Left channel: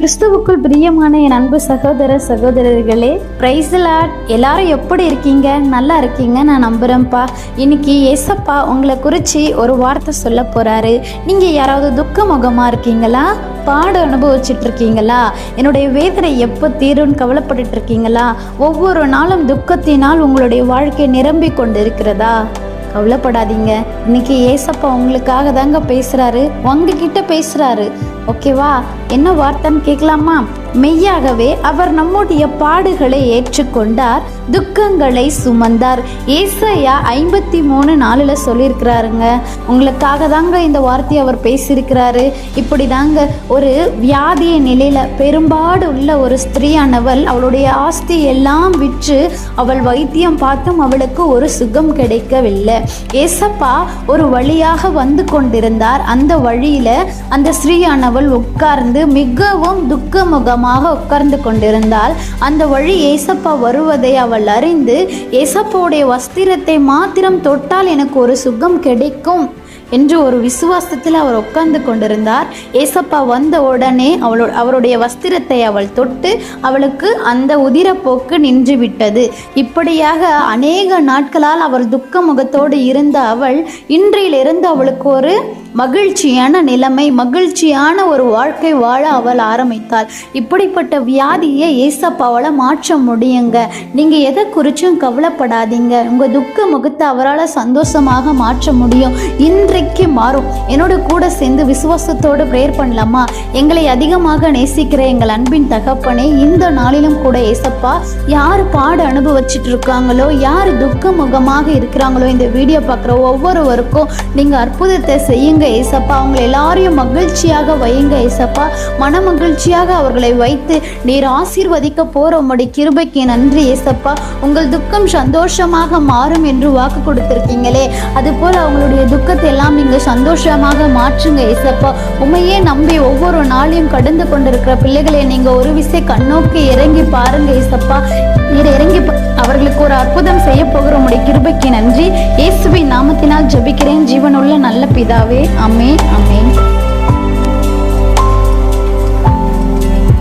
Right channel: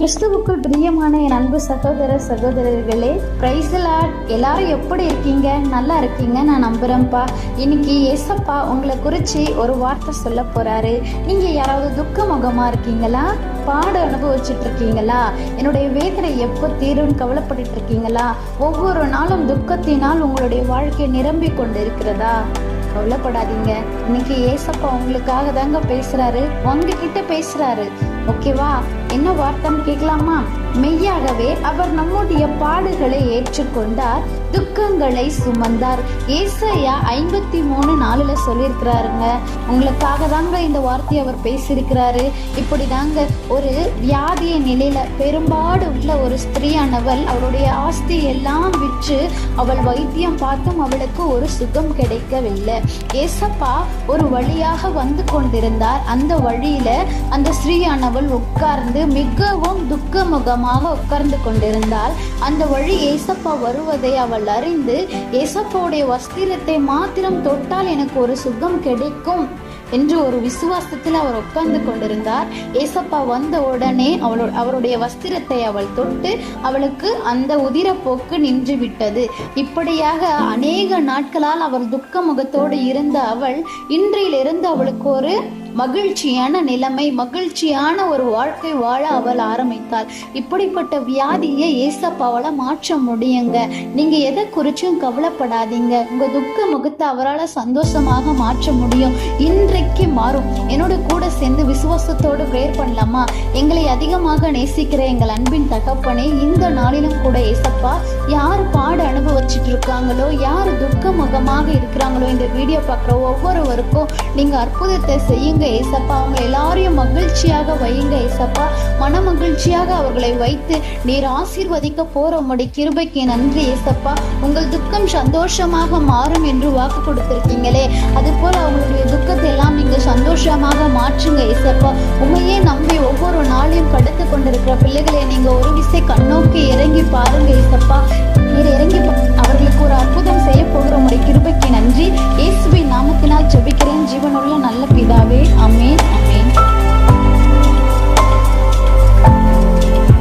கிறிஸ்துவுக்குள் பிரியமான என் அன்பு சகோதர சகோதரர்களே, பிரைஸ் தி லார்ட். எல்லாரும் எப்படி இருக்கீங்க? நல்லா இருக்கீங்க நான் நம்புறேன்ப்பா. இன்னைக்கு ஏசப்பா உங்களை குறித்து ஒரு வார்த்தை சொல்ல போறாரு. நீங்க யாராவது துக்க முகமா இருக்கீங்களா? பாடு அனுபவிச்சுட்டு இருக்கீங்களா? என்னுடைய வேதனை எப்போ தீரும்னு கவலைப்பட்டு இருக்கீங்களா? ஒவ்வொரு நாளும் துக்கத்தினால் உங்களுடைய வாழ்க்கை நிரம்பி கொண்டு இருக்கிறதா? கவலைப்படாதீங்க. இன்னைக்கு ஏசப்பா உங்களுக்காக தாங்க பேசுறாரு, உங்ககிட்ட பேசுறாரு. ஓகேவா? என்ன வார்த்தைன்னு கேட்கலாமா? மெய்யாகவே அவர் நம்முடைய பாடுகளை ஏற்றுக்கொண்டார், துக்கங்களை சுமந்தார். ஏசாயா 53:4 சொல்லியிருக்கிறாருங்க. உங்களுக்காக தாங்க இந்த வார்த்தையை அவர் பேசியிருக்கிறாரு. இப்படி தாங்க ஒரு வியாதிய நிலையில பெரும்பாடு உள்ள ஒரு ஸ்திரீயானவள் அவளுடைய ஆஸ்தி எல்லாம் விற்று அவள் வைத்தியம் பார்த்தும் அவளுக்கு ஒரு சுகம் கிடைக்கவில்லை. ஏசப்பா ஒரு வழியாக வந்து கொண்டிருந்தார். அந்த வழியில அந்த ஸ்திரீயானவள் உட்கார்ந்து மிகவும் துக்கமுகமாக உட்கார்ந்து கொண்டிருந்தாள். அந்த வழி ஏசப்பா வருவதை அவள் அறிந்து, ஏசப்பாவுடைய வஸ்திரத்தை மாத்திரம் தொட்டால் எனக்கு ஒரு சுகம் கிடைக்கும் என்று ஒரு விசுவாசத்தில் அவர் உட்கார்ந்து கொண்டிருந்தார். ஏசப்பா வந்த உடனே அவருடைய வஸ்திரத்தை அவள் தொட்டு அவளுக்கு அந்த உதிரப்போக்கு நின்று விட்டது. இப்படியாக அநேக நாட்களால் அவர் துக்க முகத்தோடு இருந்த அவள் இன்றிலிருந்து அவளுக்கு ஒரு மகிழ்ச்சியான நிலைமை, மகிழ்ச்சியான ஒரு வாழ்க்கை வாழ அவள் ஆரம்பித்தாள். இப்படிப்பட்ட வியாதியை ஏசப்பாவால் மாற்ற முடியுங்க. நீங்கள் எதை குறிச்சும் கவலைப்படாதீங்க. உங்கள் துக்க முகத்தை அவரால் சந்தோஷமாக மாற்ற முடியும். இன்றைக்கு மாறும். என்னோட கூட சேர்ந்து விசுவாசத்தோடு ப்ரேயர் பண்ணலாமா? எங்களை அதிகமாக நேசிக்கிற எங்கள் அன்பின் தகப்பனே, இந்த நாளிலும் கூட ஏசப்பா யார் பாடு அனுபவிச்சுட்டு இருக்காங்களோ, யார் துக்க முகமாக இருக்கிறாங்களோ, இந்த வீடியோ பார்க்குற ஒவ்வொருவருக்கும் நீங்கள் அற்புதத்தை செய்யுங்க ஏசப்பா. அவங்க எல்லாரையும் மகிழ்ச்சியாக வையுங்க ஏசப்பா. மன மகிழ்ச்சியாக அவர்களை வைத்து நீர் ஆசீர்வதிக்க போற உம்முடைய கிருபைக்கு நன்றி ஏசப்பா. உங்கள் துக்கம் சந்தோஷமாக மாறும் என்று வாக்கு கொடுத்திருக்கீங்களே, அது போல அவங்களுடைய துக்கத்தை எல்லாம் நீங்க சந்தோஷமாக மாற்றுங்க ஏசப்பா. உண்மையே நம்பி ஒவ்வொரு நாளையும் கடந்து கொண்டிருக்கிற பிள்ளைகளை நீங்க ஒரு விசை கண்ணோக்கி இறங்கி பாருங்க ஏசப்பா. நீர் இறங்கி அவர்களுக்கு ஒரு அற்புதம் செய்ய போகிற உம்முடைய கிருபைக்கு நன்றி. இயேசுவின் நாமத்தினால் ஜெபிக்கிறேன் ஜீவனுள்ள நல்ல பிதாவே. ஆமென்.